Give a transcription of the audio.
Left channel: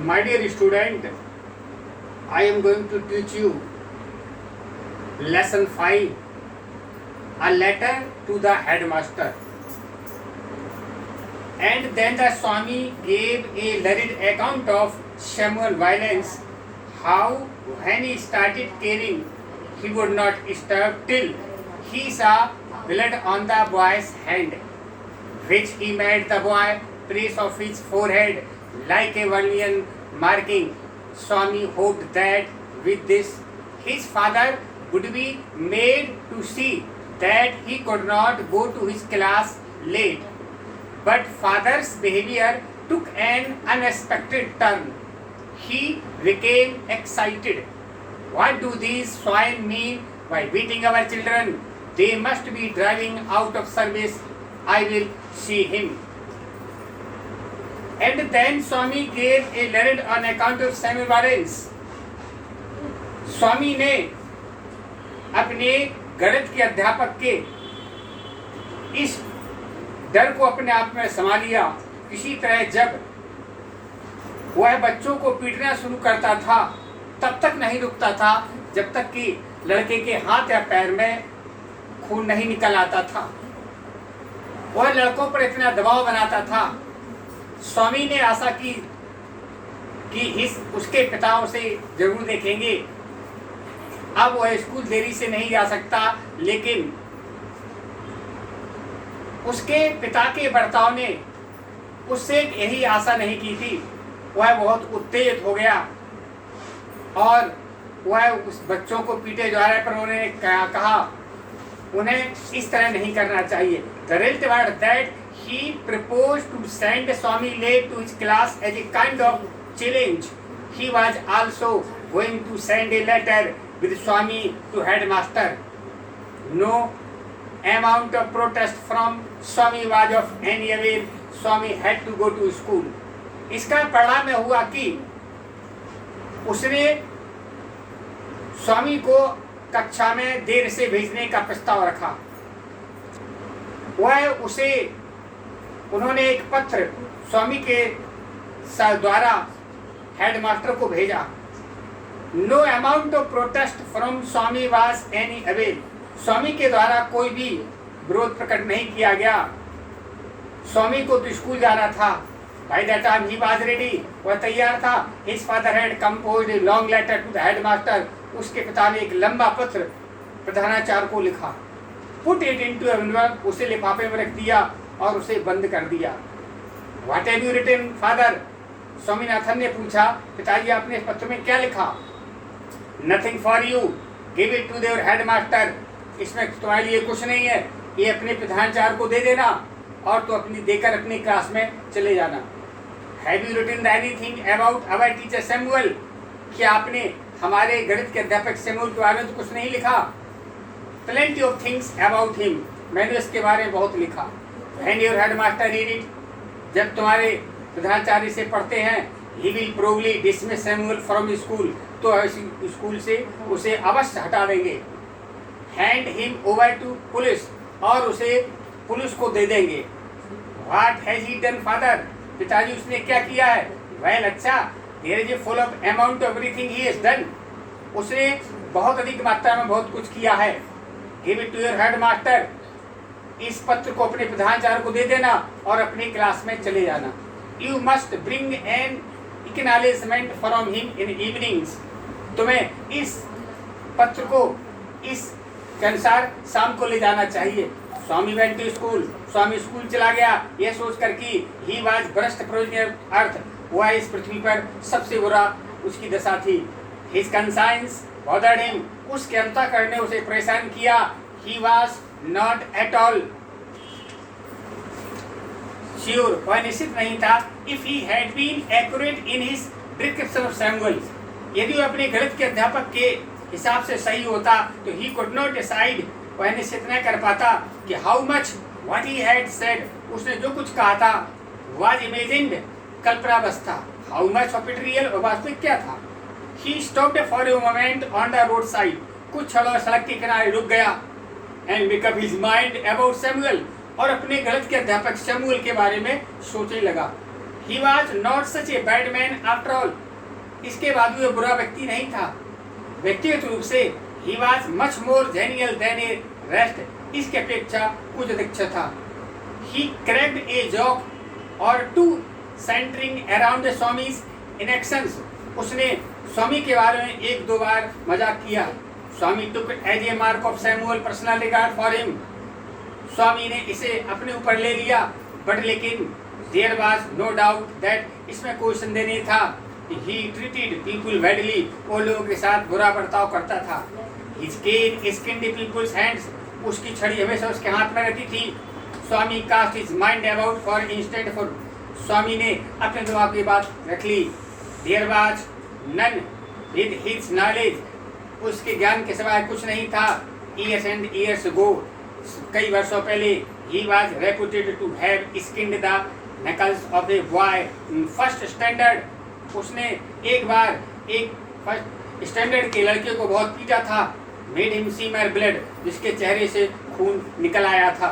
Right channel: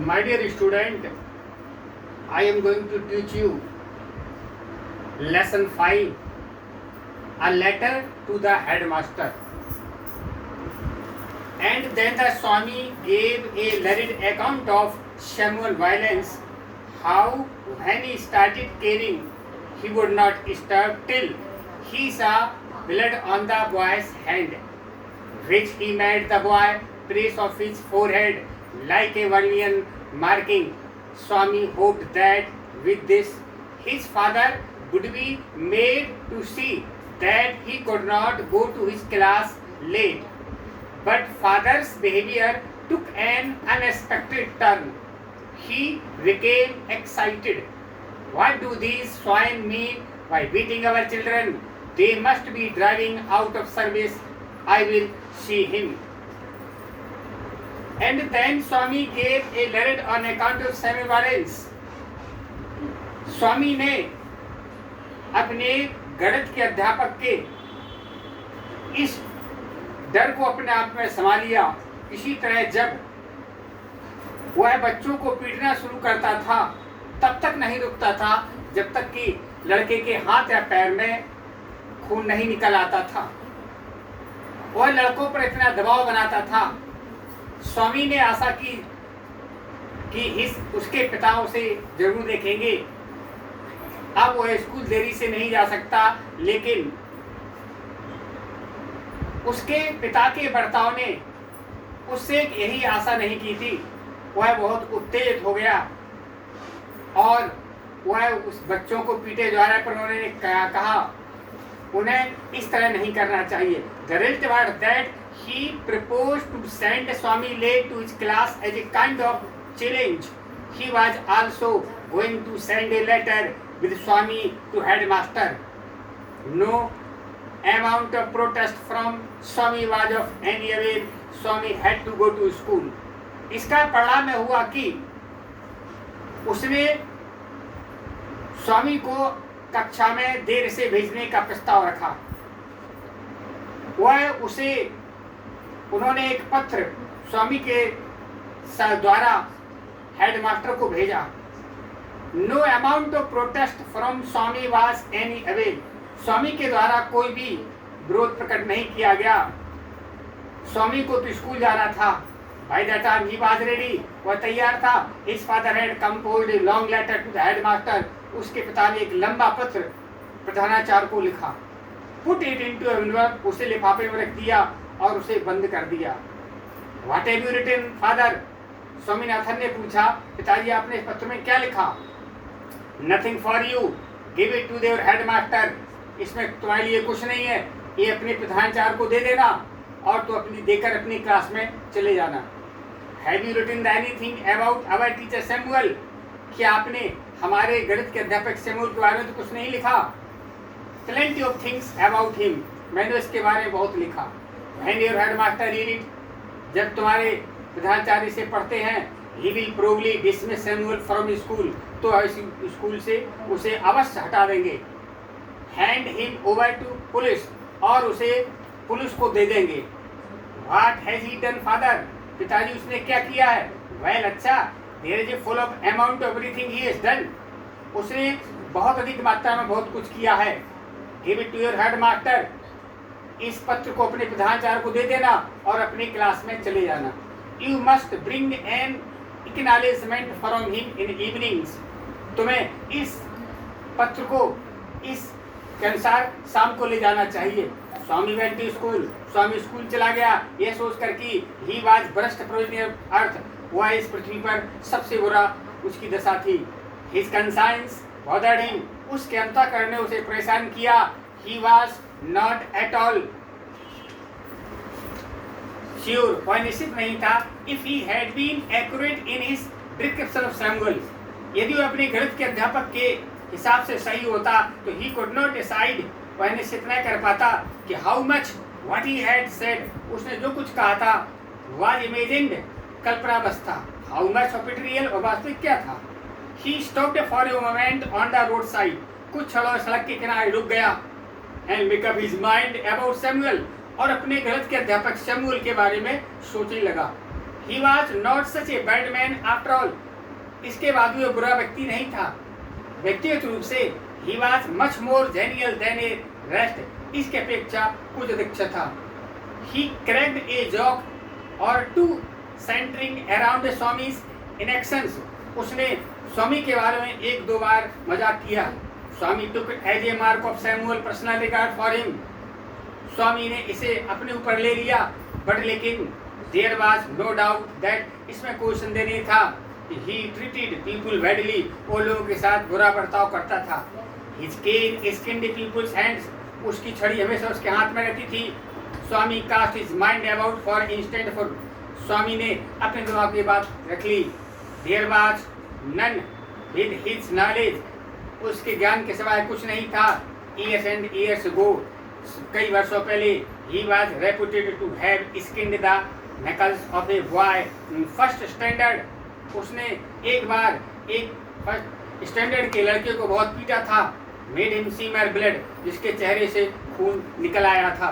My dear student, I am going to teach you lesson 5, a letter to the headmaster. And then the Swami gave a learned account of Samuel violence, how when he started caring, he would not stop till he saw blood on the boy's hand, which he made the boy trace of his forehead like a vermilion marking. Swami hoped that with this his father would be made to see that he could not go to his class late. But father's behavior took an unexpected turn. He became excited. What do these swine mean by beating our children? They must be driving out of service. I will see him. And then Swami gave a learned on account of Samuel violence. स्वामी ने अपने गणित के अध्यापक के इस डर को अपने आप में संभाल लिया। इसी तरह जब वह बच्चों को पीटना शुरू करता था तब तक नहीं रुकता था जब तक कि लड़के के हाथ या पैर में खून नहीं निकल आता था। वह लड़कों पर इतना दबाव बनाता था। स्वामी ने आशा की कि उसके पिता उसे जरूर देखेंगे। अब वह स्कूल देरी से नहीं जा सकता, लेकिन उसके पिता के बर्ताव ने उससे यही आशा नहीं की थी। वह बहुत उत्तेजित हो गया और वह उस बच्चों को पीटे जा रहे, पर उन्होंने कहा उन्हें इस तरह नहीं करना चाहिए। The result was that he proposed to send Swami late to his class as a kind of challenge. He was also going to send a letter with Swami to headmaster. No amount of protest from Swami was of any avail. Swami had to go to school. इसका परिणाम में हुआ कि उसने स्वामी को कक्षा में देर से भेजने का प्रस्ताव रखा। उन्होंने एक पत्र स्वामी के द्वारा हेडमास्टर को भेजा। No amount of protest from Swami was any avail. Swami के द्वारा कोई भी विरोध प्रकट नहीं किया गया। स्वामी को तो स्कूल जाना था। By the time he was ready, वह तैयार था। His father had composed a long letter to the headmaster. उसके पिता ने एक लंबा पत्र प्रधानाचार्य को लिखा। पुट इट इनटू एनवेलप, उसे लिफाफे में रख दिया और उसे बंद कर दिया। What have you written father? Swaminathan ने पूछा, पिताजी आपने इस पत्र में क्या लिखा? Nothing for you, give it to their headmaster. इसमें तुम्हारे लिए कुछ नहीं है, ये अपने प्रधानाचार्य को दे देना और तो देकर अपनी क्लास में चले जाना। Have you written anything about our teacher Samuel? क्या आपने हमारे गणित के अध्यापक सैमुअल के बारे में तो कुछ नहीं लिखा? Plenty of things about him, मैंने उसके बारे में बहुत लिखा। When your headmaster read it, जब तुम्हारे प्रधानाचार्य से पढ़ते हैं, he will probably dismiss Samuel from school, तो स्कूल से उसे अवश्य हटा देंगे। Hand him over to police, और उसे पुलिस को दे देंगे। What has he done father? पिताजी उसने क्या किया है? वेल अच्छा, there is a full of amount of everything he has done. उसने बहुत अधिक मात्रा में बहुत कुछ किया है। Give it to your headmaster, इस पत्र को अपने प्रधानाचार्य को दे देना और अपनी क्लास में चले जाना। You must bring an acknowledgement from him in evenings, तुम्हें इस पत्र को इस के अनुसार शाम को ले जाना चाहिए। Swami went to school, Swami school चला गया, यह सोचकर कि ही वाज भ्रष्ट प्रयोजन अर्थ, वह इस पृथ्वी पर सबसे बुरा उसकी दशा थी। हिज कंसाइंस बॉदर्ड हिम, उसके अंतःकरण ने उसे परेशान किया। He was not at all sure, वह निश्चित नहीं था। If he had been accurate in his description of Samuel, यदि वह अपने गणित के अध्यापक के हिसाब से सही होता तो ही कुड नॉट डिसाइड, वह निश्चित न कर पाता कि how much what he had said, उसने जो कुछ कहा था वाज इमेजिन्ड, कल्पना बस था। How much of it real, और वास्तविक क्या था। He stopped for a moment on the road side, कुछ क्षणों सड़क के किनारे रुक गया। And make up his mind about Samuel, और अपने गणित के अध्यापक सैमुअल के बारे में सोचने लगा। He was not such a bad man after all. इसके बाद भी वो बुरा व्यक्ति नहीं था। व्यक्तिगत रूप से he was much more genial than a rest. इसके अपेक्षा कुछ अधिक अच्छा था। He cracked a joke or two centering around the Swami's inactions. उसने स्वामी के बारे में एक दो बार मजाक किया। स्वामी took it as a mark of Samuel personal regard for him. स्वामी ने इसे अपने ऊपर ले लिया, बट लेकिन there was no doubt that इसमें कोई संदेह नहीं था कि he treated people badly. वो लोगों के साथ बुरा बर्ताव करता था। His cane skinned people's hands. उसकी छड़ी हमेशा उसके हाथ में रखी थी। स्वामी cast his mind about for instant for. स्वामी ने अपने दिमाग की बात रख ली। There was none with his knowledge. उसके ज्ञान के सिवाय कुछ नहीं था। Years and years ago, कई वर्षों पहले, he was reputed to have skinned the knuckles of a boy in first standard. उसने एक बार एक फर्स्ट स्टैंडर्ड के लड़के को बहुत पीटा था। Made him smear blood, जिसके चेहरे से खून निकल आया था।